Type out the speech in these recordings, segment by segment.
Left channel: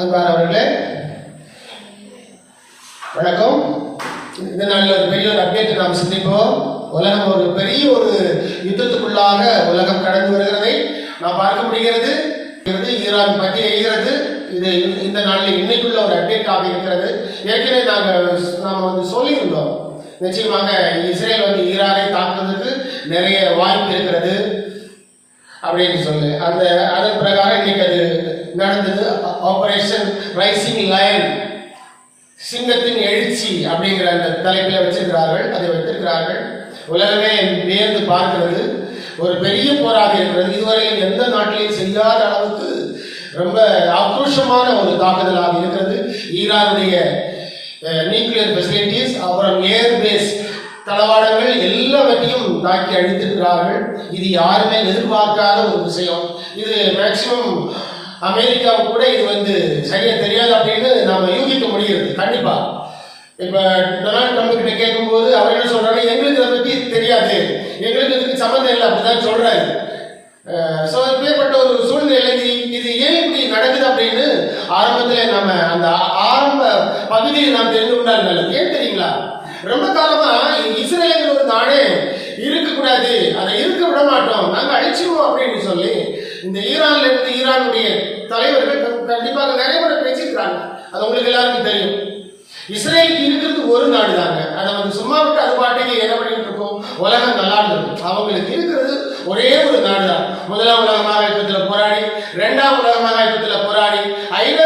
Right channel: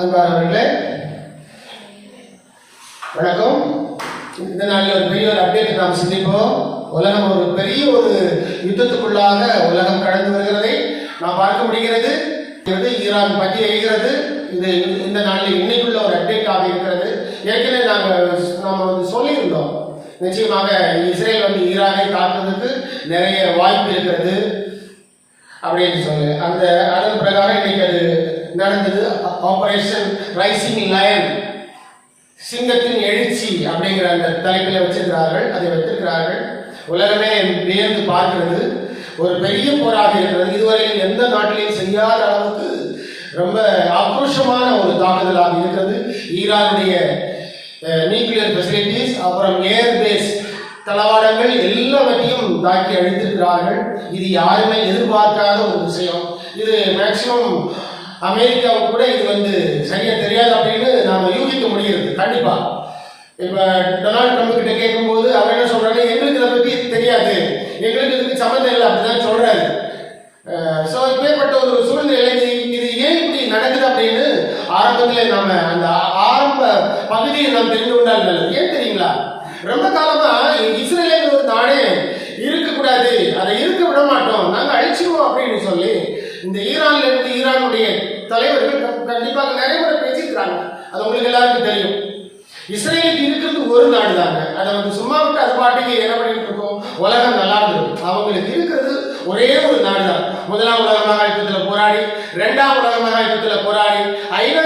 அன்பானவர்களே வணக்கம். இந்த நாளில் ஒரு பெரிய ஒரு அப்டேட் நாம் சிந்திப்போம். உலகம் ஒரு பெரிய ஒரு யுத்தத்துக்குள்ளாக உலகம் கடந்து வருகிறதை நாம் பார்க்க முடிகிறது. ஈரான் பற்றி எய்கிறது. இது இந்த நாளில் இன்னைக்குள்ள ஒரு அப்டேட்டாக இருக்கிறது. ஏற்கனவே நாம் சொல்லியிருந்தோம், நிச்சயமாக இஸ்ரேல் ஈரானை தாக்குவதற்கு நிறைய வாய்ப்பு இருக்கிறது அப்படின்னு சொல்லி அதன் பிரகாரம் இன்னைக்கு அது நடந்தது. ஆபரேஷன் ரைசிங் லயன், சிங்கத்தின் எழுச்சி அப்படிங்கிற அந்த தலைப்பை வச்சிருக்கிறார்கள். அதை வைத்திருக்கிறார்கள். உலகமே வியந்து பார்க்கிறது. ஒரு பெரிய போராக இருக்கிறது. இதுவரையில் எந்த நாட்டிலையும் செய்யாத அளவுக்கு ரொம்ப ஆக்ரோஷமான ஒரு தாக்குதலாக இருக்கிறது. ஈரானுடைய நியூக்ளியர் ஃபெசிலிட்டிஸ், அப்புறம் ஏர்பேஸ் தளவாடங்கள் எல்லாவற்றையும் தாக்கி அழித்திருக்கிறார்கள். இது யாருமே எதிர்பார்க்காத ஒரு விஷயம். இது மேக்சிமம் அமெரிக்காவுக்கு கூட இது சரியா தெரியாது அப்படின்னு நாம யூகிக்க முடியுது. கண்டிப்பா இப்ப டொனால்ட் ட்ரம்ப் கிட்ட கேட்கும்போது அவர் என்ன சொல்றாங்க, எங்களுக்கு அதை பத்தி தெரியாது, எங்களுக்கு இதுக்கு சம்மந்தம் இல்லை அப்படிதான் சொல்றாரு. ஸோ இப்பேற்பட்ட ஒரு சூழ்நிலை இது ஏன் இப்படி நடக்குது அப்படின்னு ஆரம்பத்தில் நம்ம அந்த ஆரம்ப பகுதியை நாம் தெரிந்து கொண்டால் நல்லது. ஏன் தெரியுங்களா, ரொம்ப காலமா இஸ்ரேல் ஒரு நாடே இருக்கக்கூடாது, அதை இருக்க விட மாட்டோம், நாங்கள் அழிச்சிருவோம் அப்படின்னு சொல்லி இந்த ஈரான்ல இருந்து ஈரானுடைய தலைவர்கள் கண்டிப்பாக நிறைய முறை பேசியிருக்கிறாங்க. அது உங்களுக்கு எல்லாருக்கும் தெரியும். இஸ்ரேலுக்கு இருக்கிறது ஒரு நாடு தாங்க. அதை சும்மா விட்டு அது பாட்டுக்கு என்ன பண்ணிட்டு இருக்கோம், உலகம் நல்லா இருந்திருக்கும். அவங்களுக்கு இருக்கிறது ஒரே ஒரு நாடு தான். முதலாம் உலக மகாயுத்தத்தில் போராடி, இரண்டாம் உலக மகாயுத்தத்தில் போராடி, ஐநா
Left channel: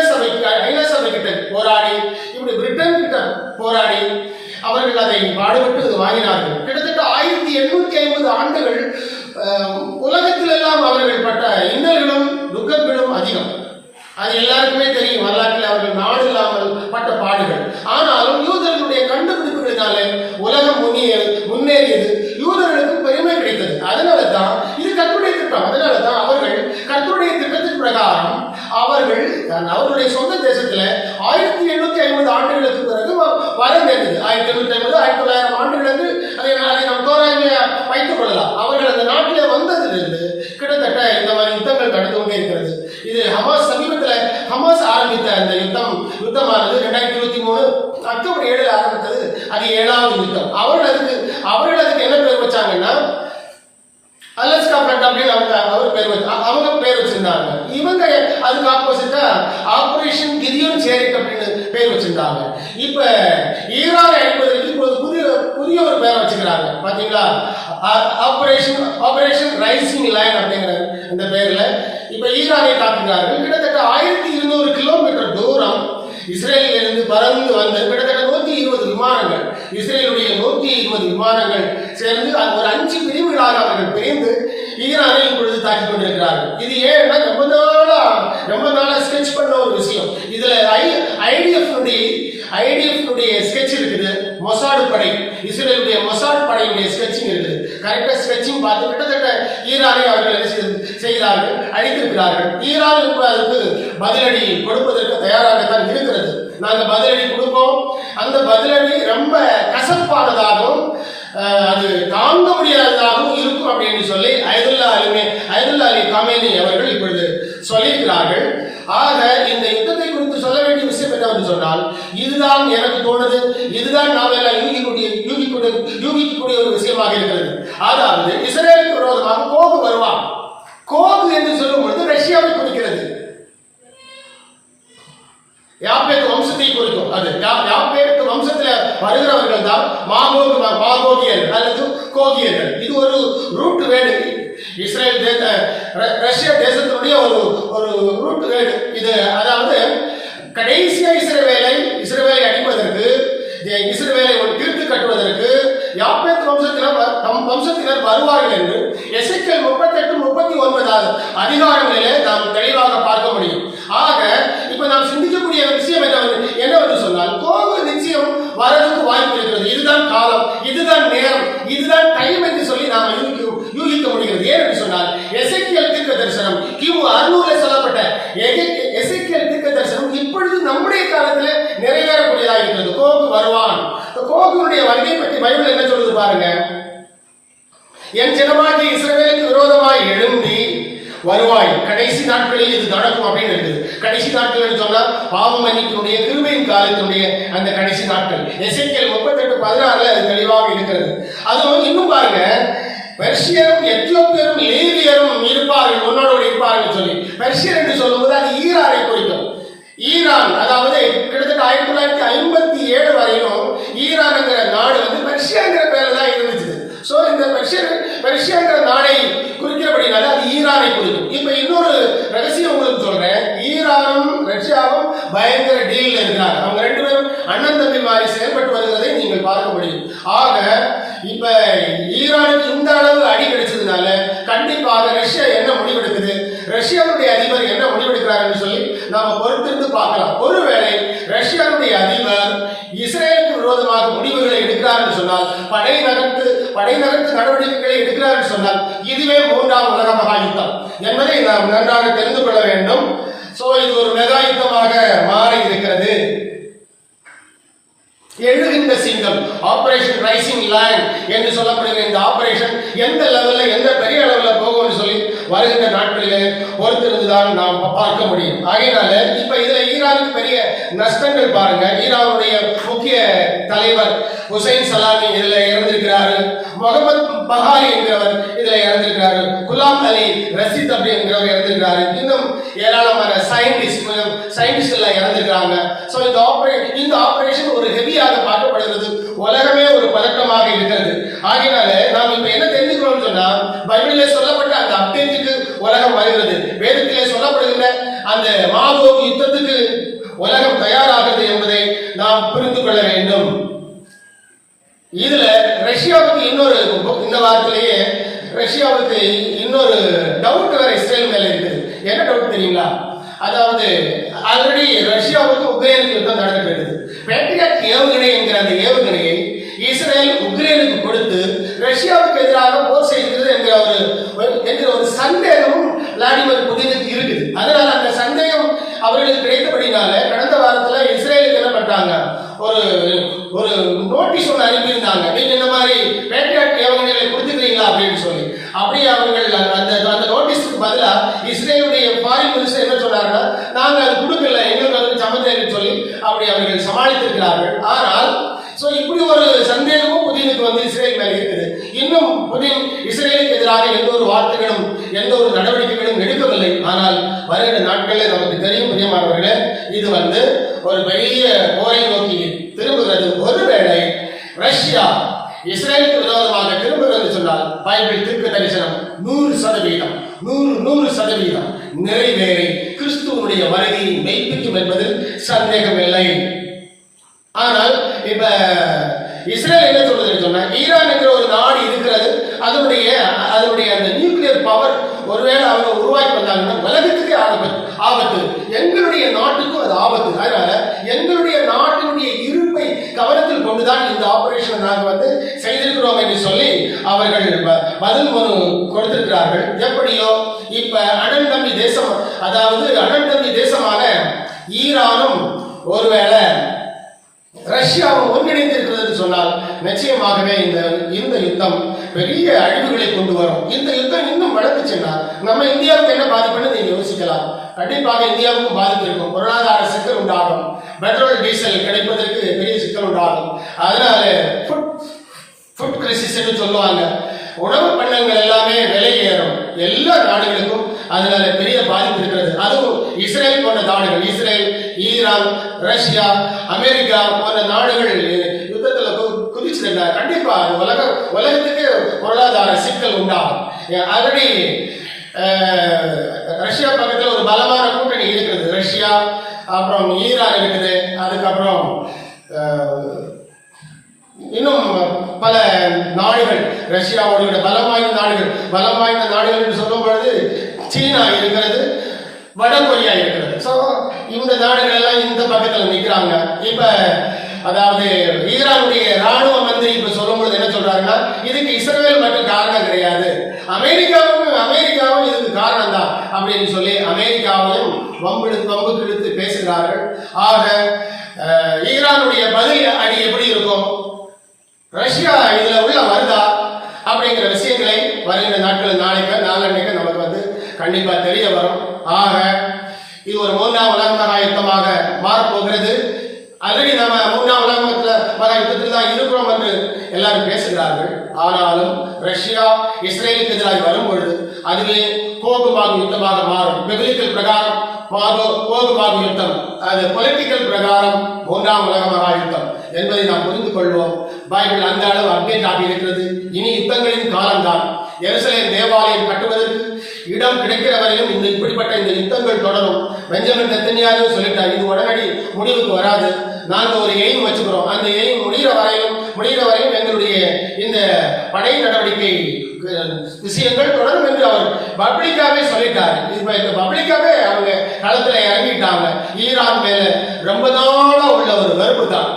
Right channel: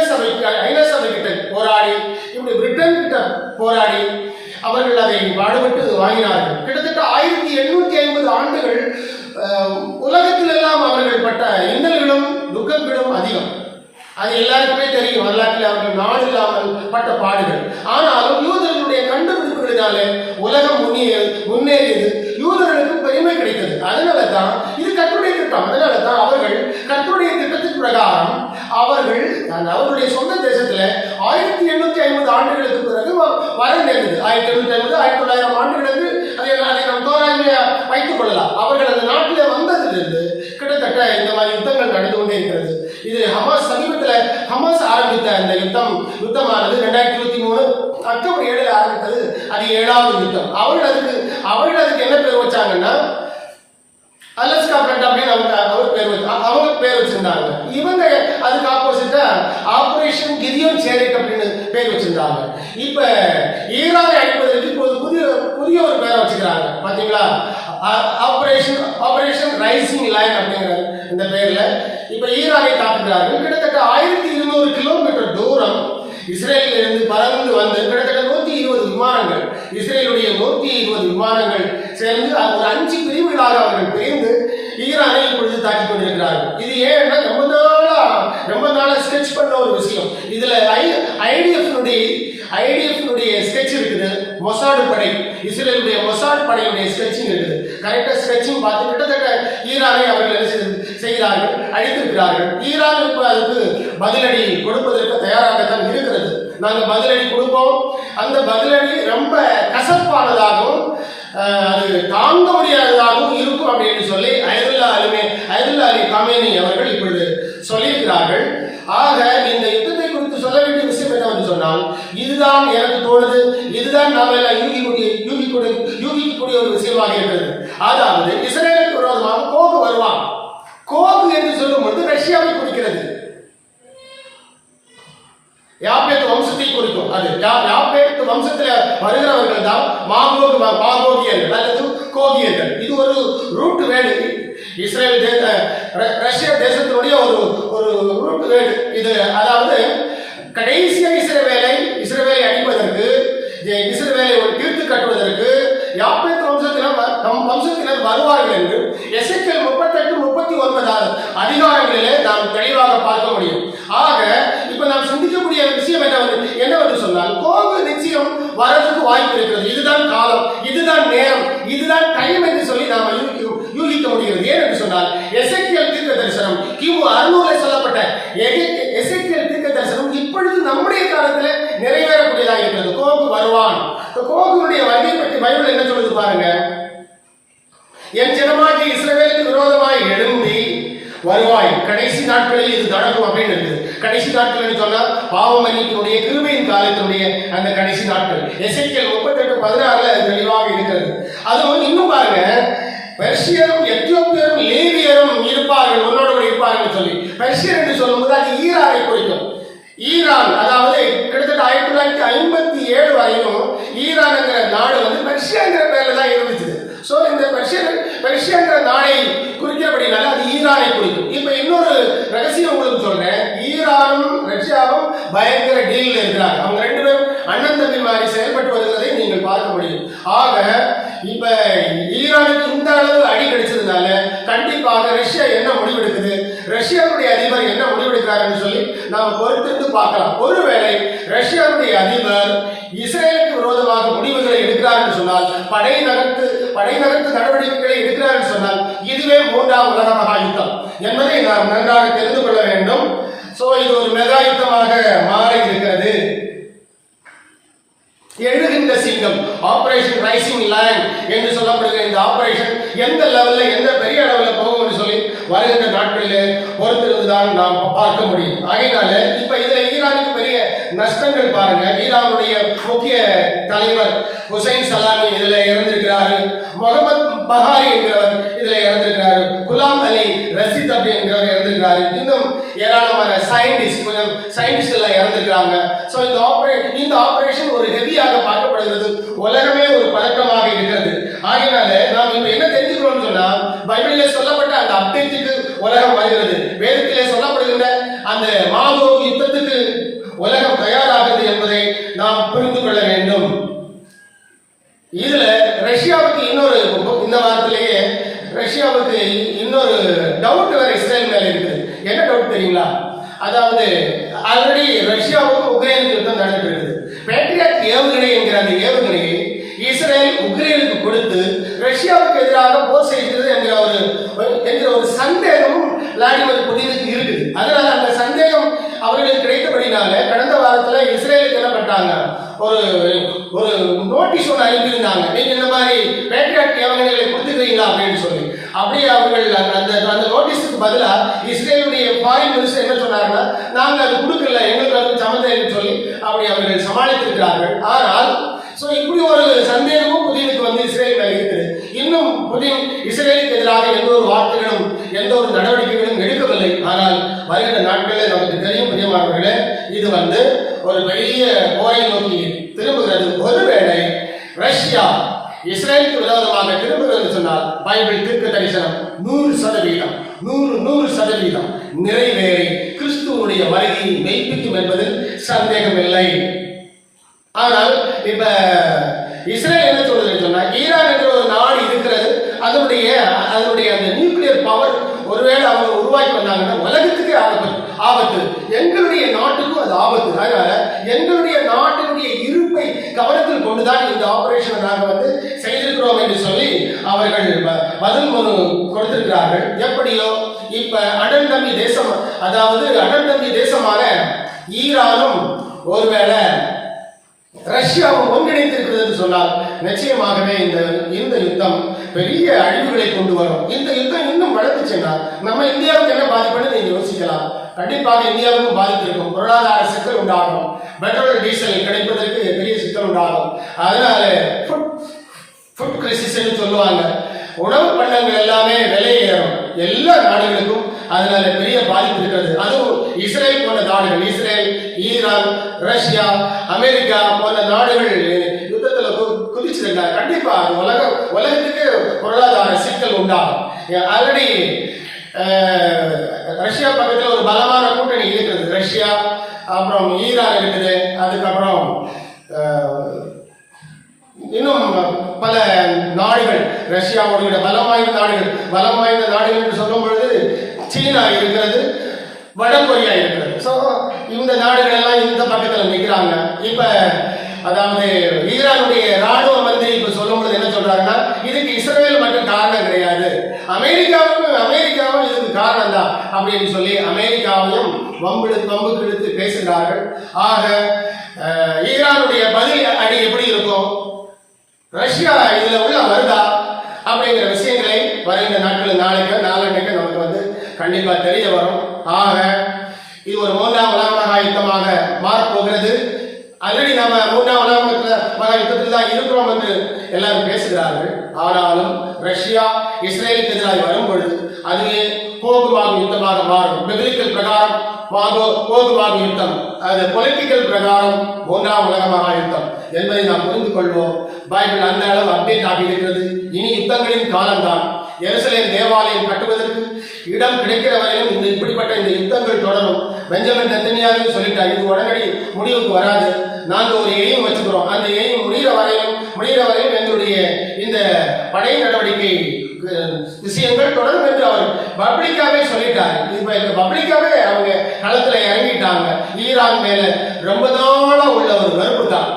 சபை கிட்ட போராடி, இப்படி பிரிட்டன் கிட்ட போராடி அவர்கள் அதை பாடுபட்டு வாங்கினார்கள். கிட்டத்தட்ட 1850 ஆண்டுகள் உலகத்தில் எல்லாம் அவர்கள் பட்ட இன்னல்களும் துக்கங்களும் அதிகம். அது எல்லாருக்குமே தெரியும். வரலாற்றில் அவர்கள் நாடு இல்லாமல் பட்ட பாடுகள். ஆனாலும் யூதர்களுடைய கண்டுபிடிப்புகளினாலே உலகம் முன்னேறியது. யூதர்களுக்கு பெருமை கிடைத்தது. அதனால தான் இது கர்த்தருடைய திட்டம். அதனால தான் அவர்கள் கர்த்தருடைய திட்டத்தின் பிரகாரம் அவர்களுடைய சொந்த தேசத்துல 1850 ஆண்டுகளுக்கு பிறகு வர நேர்ந்தது. 1850 1900 ஆண்டுகளுக்கு அதை நாம் தோராயமையா வைத்துக் கொள்ளலாம். அவர்கள் அந்த நாட்டிலே வந்ததிலிருந்து கிட்டத்தட்ட இந்த மாதிரி யுத்தங்கள் நடந்து கொண்டே இருக்கிறது. இது ஹமாஸ் ஆரம்பித்த அந்த யுத்தமானது 2023 அக்டோபர் 7 ஆரம்பித்தது. அது 7வது யுத்தம். அவர்கள் அதுக்கு என்ன பேர் வச்சாங்கன்னா அலஸ்கா ஃப்ரண்ட் அப்படின்னு அவங்க பேர் வச்சிருந்தாங்க. இவங்க அதுக்கு ஆப்போசிட்டா ஆபரேஷன் கிதியோன் சேரிக் அப்படின்னு பேர் வச்சிருந்தாங்க. இப்ப ஈரானை அழிப்பதற்கு இப்போது புதிய ஒரு பேரை வச்சுக்கிறாங்க. பாத்தீங்களா, ஆபரேஷன் ரைசிங் லயன் அப்படிங்கிற இந்த பேர்ல இப்ப ஈரானை தாக்குகிறார்கள். கிட்டத்தட்ட 1200 கிலோமீட்டர் தூரம் இஸ்ரேலில் இருந்து பறந்து வந்து கிட்டத்தட்ட 120 விமானங்கள், இஸ்ரேலுடைய 120 விமானங்கள் சேர்ந்து ஒரு 5 பிரிவுகளாக அவர்கள் பிரிந்து ஈரானை இப்பொழுது தாக்கிக் கொண்டிருக்கிறார்கள். இது ஏன்னா ரொம்ப நாளா ஸ்கெட்ச் பண்ண ஒரு விஷயம். இதுல ஐடிஎஃப்னுடைய ஸ்கெட்ச் இருக்குது. மொசாடு படை, இஸ்ரேலுடைய மொசாடு படையுடைய ஸ்கெட்சிங் இருக்குது. கரெக்டா ஸ்கெட்சிங் பார்த்து கிட்டத்தட்ட ஈரானை அவர்கள் என்ன செய்கிறார்கள், அழித்திருக்கிறார்கள். ஈரான் அதுக்கு பதிலடி கொடுப்பதற்கு தயாராகத்தான் இருக்கிறது. நாங்கள் பதிலடி கொடுப்போம். அந்த பதிலடி ரொம்ப கசப்பானதாகவும் அது தாங்க முடியாததாகவும் இருக்கும் அப்படின்னு சொல்லி அயதுல்லா அலி கமேனி அவர்கள் இப்பொழுது சொல்லியிருக்கிறார்கள். ஆக இந்த யுத்தத்தை குறித்து சொல்ல வேண்டிய விஷயம் என்னவென்று சொன்னால், இதுதான் எனக்கு தோணுது, இதுதான் நாம் எல்லாம் யூகிக்கக்கூடிய ஒரு விஷயமாக இருக்கிறது. அதாவது இஸ்ரேலுக்கு விரோதமாக கோபு வருவான். கோபு என்று சொல்லும் பொழுது ரஷ்யாவை குறிக்கிறது, யாப்பேத்து வம்சத்தை குறிக்கும். அது யாப்பேத்து வம்சத்துல வருகிறவர்கள் தான் மாகோகியர்கள் அல்லது கோகியர்கள். இது ஒரு ரூட் வேர்டு. இஸ்ரேல் ரஷ்யா தேசத்தினுடைய ஒரு ரூட் வேர்டு இது. அதாவது கடைசியா இஸ்ரேலை அடிப்பதற்கு, இஸ்ரேலை தீர்த்து கட்டுவதற்கு யாப்பேத் வம்சத்தினர் வருவார்கள் என்று எசேக்கியேல் 38-39 அதிகாரங்களிலே நாம் தெளிவாக பார்க்க முடியும். ஆக இப்ப நாம் சிந்திக்கக்கூடிய விஷயம் என்னவென்று சொன்னால், கோபு நிச்சயம் வரதுக்கு வாய்ப்பு இருக்கிறது. இதுதான் காலம், இதுதான் நேரம், இதுதான் டைம் என்று சொல்லி நாம் யூகிக்க முடிகிறது. ஏன் என்று சொன்னால், எசேக்கியேல் தீர்க்க தரிசனம் கிமு 600 சொல்லப்பட்ட எசேக்கியேல் தீர்க்க தரிசனம் இப்பொழுது நம்முடைய காலத்தில் நிறைவேறக்கூடியதாக இருக்கிறது. கோபு வருவான். கோபுனுடைய வருகை பற்றி பைபிள் என்ன சொல்லுது பாருங்க. என் ஜனமாகிய இஸ்ரவேலுக்கு விரோதமாய் எழும்பி வருவாய், கடைசி நாட்களில் இது நடக்கும் அப்படின்னு இருக்குது. கடைசி நாட்கள் சொன்னா பாவ மன்னிப்பினுடைய கிருபையின் காலத்தினுடைய அந்த கடைசி நாட்கள். எசேக்கியேல் 38:16 தெளிவாக இருக்கிறது. அதுவும் இன்னும் பாருங்க, பெர்ஷியரும் எத்தியோப்பியரும் லேவியரும் இருப்பார்கள், உன்னோடு இருப்பார்கள் சொல்லி பெர்ஷியர் என்று சொல்லும்போது அது ஈரானை குறிக்கும். ஈரான், அதாவது கிட்டத்தட்ட 1957 வரையும் ஈரான் என்கிற நாடு வந்து பெர்ஷியாங்கிற பேர்ல தான் இருந்துச்சு. சோ இந்த பெர்ஷியாங்கிற நாடை குறிக்கிறபடினால அது ஈரானை குறிக்கும். இப்ப இன்னொரு ரகசியம் உங்களுக்கு சொல்றேன். ஈரானும் ரஷ்யாவும் பயங்கர டீல் இருக்கிறாங்க. அவங்க ரெண்டு பேரும் அண்ணன் தம்பி மாதிரி செயல்பட்டு வருவதை நீங்கள் பார்க்க முடியும். ஆக இப்ப ஈரானுக்கு இந்த அளவு அடி கிடைச்சதுனால கண்டிப்பாக ரஷ்யா என்ன முடிவெடுக்குது, ரஷ்யாவுடைய அதிபர் என்ன முடிவெடுக்கிறாருன்னு சொல்லி நாம பொறுத்திருந்து பார்க்கலாம். ஒருவேளை ரஷ்யாவுடைய அதிபர் இஸ்ரேலுக்கு விரோதமாக முடிவுகளை எடுக்கிறார் சொன்னால், படை நகர்த்து நடவடிக்கைகளை எடுக்கிறார் சொன்னால், இதுவே 3ஆம் உலக மகா யுத்தம் என்பதை நாம் நன்றாக தெரிந்து கொள்ள வேண்டும். சோ இது ஒரு மெகா யுத்தமாக மாறி இருக்கிறது. எழுகின்ற சிங்கம், ஆபரேஷன் ரைசிங் லைன் என்று சொல்லப்படுகிற இந்த ஆபரேஷன் எந்த லெவல்ல, எந்த பெரிய அளவுல போகும்னு சொல்லி வருகின்ற நாட்களில் பொறுத்திருந்துதான் நாம் பார்க்க முடியும். ஆகையினால இப்ப இதுல ஈரானுக்கு பெரிய நஷ்டங்கள் பாருங்க. ஈரானுடைய முக்கிய தலைவர் ஹுசைன் சலாமி இதுல இறந்திருக்கிறாரு. முகமது பஹாரி என்கிறவர் இதுல இறந்திருக்கிறாரு. குலாம் அலி ரஷீத் அப்படி என்கிறவர் இறந்திருக்கிறாரு. இன்னும் ஏராளமான சயின்டிஸ்ட் எல்லாம் இறந்திருக்காங்க. சோ இந்த ஆபரேஷன் ஒரு ஹெவியாக பார்க்கப்படுகிறது. உலகமே ஒரு பதட்டமாக இருக்கிறது. ஆகையினால நாம் இப்ப என்ன தெரிஞ்சுக்கிறோம் சொன்னா, பைபிளில் சொல்லப்பட்ட அந்த அப்டேட்டுக்கு உலகம் வருகிறது. வேதத்திலே சொல்லப்படுகின்ற அந்த மாபோகு யுத்தத்துக்கு உலகம் தயாராகிறது என்பதை நாம் புரிந்து கொள்ள வேண்டும். இதுல ரஷ்யாவுக்கு இன்னொரு, இந்த வாரத்திலேயே ரஷ்யாவுக்கு இன்னொரு டவுட் வேற இஸ்ரேல் மேல இருக்குது. என்ன டவுட் தெரியுங்களா? அதாவது ஆல்ரெடி ரஷ்யாவுக்கு உக்ரைனுக்கு யுத்தம் நடந்துட்டு இருக்குது. பேட்ரியாட் ஏவுகணை என்கிற அந்த ஏவுகணையை இஸ்ரேல் உக்ரைனுக்கு கொடுத்து ரஷ்யாவுக்கு எதிராக போர் செய்கிறது என்கிற ஒரு சந்தேகமும் விளாடிமிர் புதினுக்கு இருக்குது. அதனால அந்த சந்தேகம் அவர்களுக்கு கிடைத்தபடினால கடந்த வாரத்துல இஸ்ரேலுக்கு என்ன பண்ணாங்க, ஒரு நோட்டீஸ் ஒன்று அனுப்பியிருந்தாங்க. நீங்க இந்த மாதிரி பேட்ரியாட் ஏவுகணைகளை கொடுத்துக்கிறீங்களா அப்படின்னு சொல்லி. அப்படியே அவர்கள் அந்த நோட்டீஸுக்கு பதிலா இஸ்ரேலுடைய ஃபாரின் மினிஸ்டர் என்ன சொன்னாங்கன்னா, நாங்க அது கொடுக்கல, எங்களுக்கு அதுக்கு சம்மந்தம் சொல்லி அப்படி அவர்கள் சமாளித்திருக்கிறார்கள். ஆனால் இப்படி ஒரு சந்தேகமும் புதினுக்கு வந்து இஸ்ரேல் மேல இருக்குது. இன்னும் புதின் இஸ்ரேலுக்கு எதிராக எந்த ஒரு வார்த்தைகளும் எந்த ஒரு நடவடிக்கைகளும் எடுக்கவில்லை. ஆனால் வருகின்ற நாட்களில் நமக்கு தெரியும் பிரியமானவர்களே, இது வந்து ஒரு பெரிய போரை நோக்கி திரும்புகிறது. ஒருவேளை ரஷ்யா இஸ்ரேலுக்கு விரோதமாக திரும்புகிறது சொன்னால் பைபிள் தீர்க்க தரிசனம் 100% நிறைவேறி கிறிஸ்துவனுடைய வருகையை மெய்ப்பிக்கும் என்பதில் சந்தேகமில்லை. ஆனால் இப்ப இஸ்ரேல் என்ன சொல்றது சொன்னா, ஈரான் என்கிற ஒரு நாடு இருக்கிறது. அதனுடைய அந்த நியூக்ளியர் பவர் ஒருவேளை அவங்க உருவாக்கி வந்தாங்கன்னா உலகத்துக்கே ஆபத்து, எங்களுடைய நாட்டுக்கும் அது ஆபத்து. அதனால எங்களுடைய நாட்டினுடைய இருப்பை கவனத்தில் கொண்டுதான் இந்த ஆபரேஷன் நாங்கள் வந்து செய்திருக்கிறோம் என்று சொல்லி அவர்கள் பதில் மனு கொடுத்திருக்கிறார்கள். எப்படியோ இப்ப அடன்தம்பி தேசம், அதாவது அடன்தம்பி தேசமான ஈரானும் ஒருவேளை ரஷ்யாவும் ஒன்றிணைந்திருக்கிறது சொன்னால் நிச்சயமாகவே இந்த யுத்தம் பெரிய அழிவுகளை கொண்டு வரும். இந்த யுத்தம் இன்னும் வளர்ந்து சென்றால் நம்ம இந்தியாவுக்கு என்ன பாதிப்புன்னு நீங்க யோசிக்கலாம். கண்டிப்பாக இந்தியாவுக்கும் பாதிப்பு இருக்கும். பொருளாதார சிக்கல் உண்டாகும். பெட்ரோல் டீசல் கிடைப்பதற்கு பெரிய சிக்கல் உண்டாகும். அதனால ஃபுட் கிரைசிஸ் சொல்லுவாங்க. உணவு பண்டங்கள் எல்லாமே விலை ஏறும். எல்லா நாடுகளுக்கும் அதனால பெரிய பாதிப்பு இருக்கிறது. அதுவும் இஸ்ரேல் போன்ற நாடுகள், இஸ்ரேல், ஈரான், ரஷ்யா, அமெரிக்கா போன்ற நாடுகள் யுத்தத்தில் குதிச்சிருக்காங்க. கண்டிப்பா உலகத்துக்கு பொருளாதார சிக்கல் உண்டாகும். ஆல்ரெடி ரஷ்யா பக்கத்தில் ஒரு பலமான கூட்டணி இருக்கிறது. ரஷ்யா, அப்புறம் ஈரான் இருக்குது. அதுக்கப்புறம் இன்னும் பல நாடுகள், ரஷ்யாவோட பலம் வாய்ந்த நாடுகள் என்று சொல்லும் பொழுது சீனா இருக்கிறது, வட கொரியா இருக்கிறது. சோ இந்த நாடுகள் எல்லாம் இந்த பக்கத்தில் நிற்கிறாங்க. இப்ப அதாவது ஈரானுடைய ராணுவ மந்திரி இப்ப சொல்லும் பொழுது என்ன சொல்றாங்கன்னா, இதுக்கு இஸ்ரேல் மட்டும் காரணம் கிடையாது, அமெரிக்காவும் இதுக்கு காரணம் தான் அப்படின்னு சொல்லி அமெரிக்காவையும் வம்புக்கு இழுத்து பேசுகிறார்கள். ஆக ஈரானுடைய பதில் அடி எப்படி இருக்கும், ரஷ்யா இதுல உள்ள வருதா அப்படிங்கிற விஷயங்களை வருகின்ற நாட்கள் நாளைக்கு நமக்கு வந்து கண்டிப்பா தெரிய வரும். ஆக இது ஒரு 3ஆம் உலக இஸ்ரேலுக்கு எதிராக வரும் பொழுது அதுவே கோபமாகும் யுத்தமாக மாறும். பிப்லிக்கல் பிரகாரம் கோபமாகும் யுத்தம், அது பொலிட்டிக்கல் பிரகாரம் மூன்றாம் உலக மகா யுத்தம் என்பதை நாம் புரிந்து கொள்வோம். பைபிள் அந்த அளவு அப்டேட் ஆகி இருக்கிறது. இனி யுத்தங்களின் காலம்தான். எருசலேம் தேவாலயம் கட்டுவதற்கு இடம் கிடைக்கிற வரையும் இப்படிப்பட்ட இந்த யுத்தங்கள் தொடரும். பெஞ்சமின் நெத்தன்யாகு சொல்லிட்டார், இது உடனடி முடிவுக்கு வராது. நாங்கள் ஒரு எய்ம் வச்சுக்கிறோம், அந்த எய்ம் முடிகிற வரையும் எங்களுடைய இந்த படை நடவடிக்கை விஷயங்கள் தொடரும் என்று அவர் பப்ளிக்காவே சொல்லிட்டார். இப்ப இந்த பப்ளிக்காவே அவங்க களத்துல இறங்கிட்டாங்க. ஈரான் மேல ரொம்ப நாளா உள்ள ஒரு வெறுப்பு தான்.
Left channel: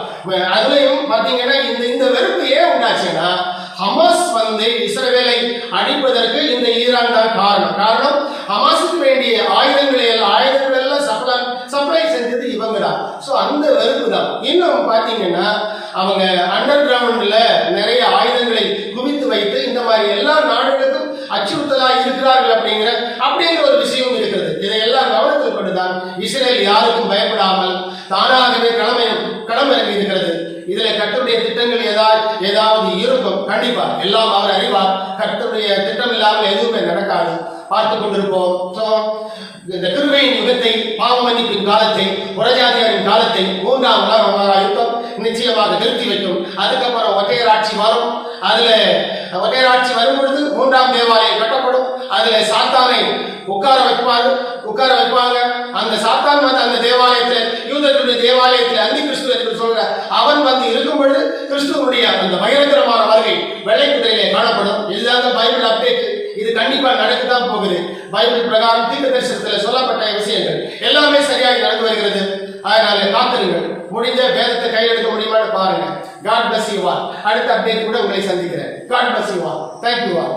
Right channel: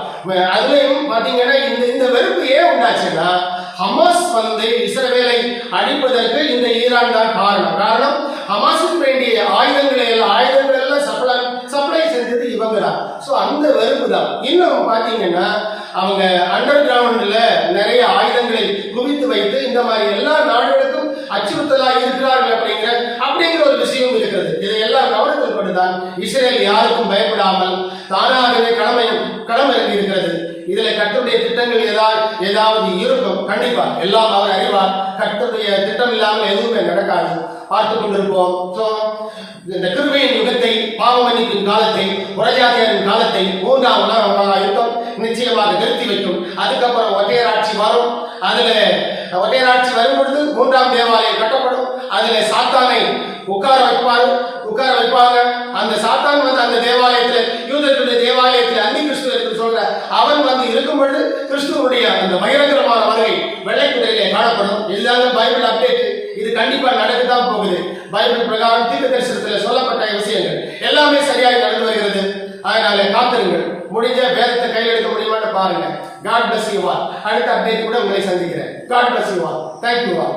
அதுலயும் பாத்தீங்கன்னா இந்த வெறுப்பு ஏன் உண்டாச்சுன்னா, ஹமாஸ் இஸ்ரவேலை அழிப்பதற்கு இந்த ஈரான் தான் காரணம். ஹமாஸுக்கு வேண்டிய ஆயுதங்கள் எல்லாம் சப்ளை செஞ்சது இவங்க தான். ஸோ அந்த வெறுப்பு தான். இன்னும் பாத்தீங்கன்னா அவங்க அண்டர் கிரவுண்ட்ல நிறைய ஆயுதங்களை குவித்து வைத்து இந்த மாதிரி எல்லா நாடுகளுக்கும் அச்சுறுத்தலா இருக்கிறார்கள் அப்படிங்கிற ஒரு விஷயம் இருக்கிறது. இதையெல்லாம் கவனத்தில் கொண்டுதான் இஸ்ரேல் யாருக்கும் பயப்படாமல் தானாகவே களமிறங்கி இருக்கிறது. இதுல கர்த்தருடைய திட்டங்கள் ஏதாவது இருக்கும், கண்டிப்பா எல்லாம் அவர் அறிவார். கர்த்தருடைய திட்டம் இல்லாமல் எதுவுமே நடக்காது. பார்த்து கொண்டிருப்போம். இந்த கிருபையின் யுகத்தை, பாவ மன்னிப்பின் காலத்தை, புறஜாதியாரின் காலத்தை மூன்றாம் உலக மகா யுத்தம் நிச்சயமாக நிறுத்தி வைக்கும். அதுக்கப்புறம் ஒற்றையராட்சி வரும். அதுல ஒற்றையராட்சி வரும் பொழுது மூன்றாம் தேவாலயம் கட்டப்படும். அதுல சாத்தானை உட்கார வைப்பாங்க. அந்த சாத்தான் அந்த தேவாலயத்தில், யூதர்களுடைய தேவாலயத்தில் அந்தி கிறிஸ்து என்று சொல்ற அவன் இருக்கும் பொழுது கிறிஸ்துவனுடைய அந்த பயங்கரமான வருகை வெள்ளை குதிரையிலே காணப்படும். இதுதான் பைபிள் அப்டேட். இது கண்டிப்பா நடக்கத்தான் போகுது. பைபிள் பிரகாரம் தீர்க்க தரிசனத்தில் சொல்லப்பட்ட விஷயங்கள் எல்லாமே சரியாக நடந்து வருகிறது. அதனால காத்திருங்கள். முடிஞ்ச வேதத்தை கையில் எடுக்க முடியுமான்னு பாருங்க. God bless you all. அடுத்த அப்டேட் கூட உங்களை சந்திக்கிறேன். God bless you all. Thank you all.